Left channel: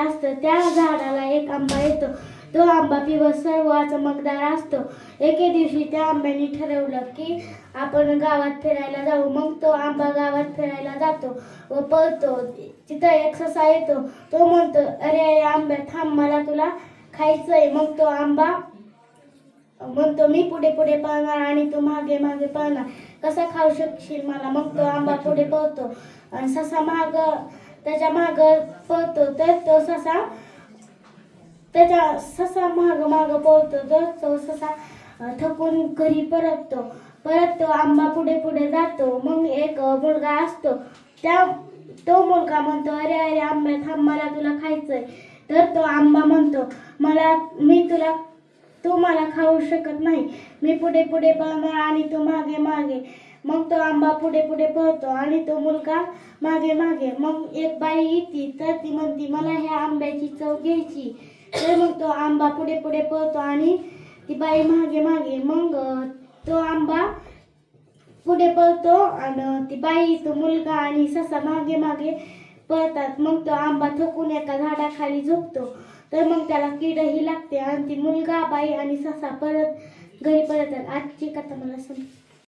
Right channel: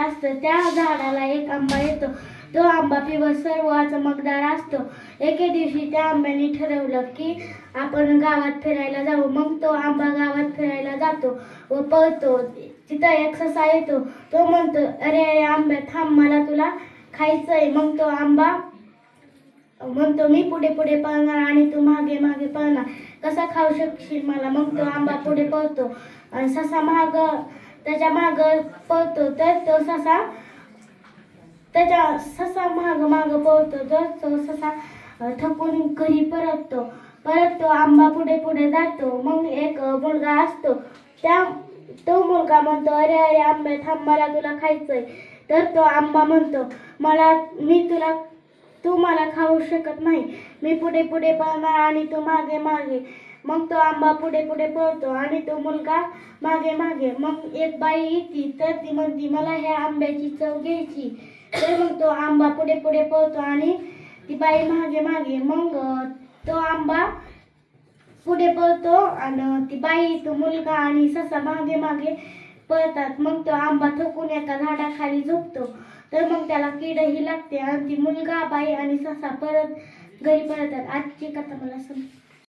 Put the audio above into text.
असतं त्या झाडाला एक आंबा येतो. तो आंबा पिवळसर सर्व चमकदार असतो. एके दिवशी त्या आंब्याने ठरवलं की आपण गावात फिरायला जाऊ. मग तो आंबा गावात फिरायला जातो व पळतो. तिथं एक ससा येतो. तो म्हणतो, अरे आंब्या थांब, मला तुला खायचंय. मग तो आंबा म्हणतो, मी पुढे पुढे पळणार आणि तू मागे मागे पळणार. कसा खाऊ शकशील मला? मग तो आंबा पुढे पळतो आणि ससा त्याच्या माग पळतो. तर तो ससा माग पळतो. तर तो ससा थकून घरी परततो. तो आंबा पुढे पुढे जातो. मग एक मुलगा असतो. तो मुलगा म्हणतो, अरे अरे आंबा थांब, मला तुला खायचंय. तर तो आंबा म्हणतो, तू मला खाऊ शकत नाही. मी पुढे पुढे पळणार आणि तू मागे मागे. मग तो आंबा पुढे पुढे पळतो आणि तो मुलगा मागे मागे. मग एक बाई येते. तर ती म्हणते, मला ह्या आंब्याची चव घ्यायची. तर मग तो आंबा पुढे पुढे पळतो आणि ती बाई मागे मागे. मग तो आंबा पुढे पळतो आणि ती बाई, तो मुलगा आणि ससा मागे मागे पळतात. मग तो आंबा थकून एका झाडाखाली झोपतो. तर मग त्याला किडही लागते आणि ती मुलगा, बाई आणि ससा परत घरी परततात. आजची कथा मला समजली.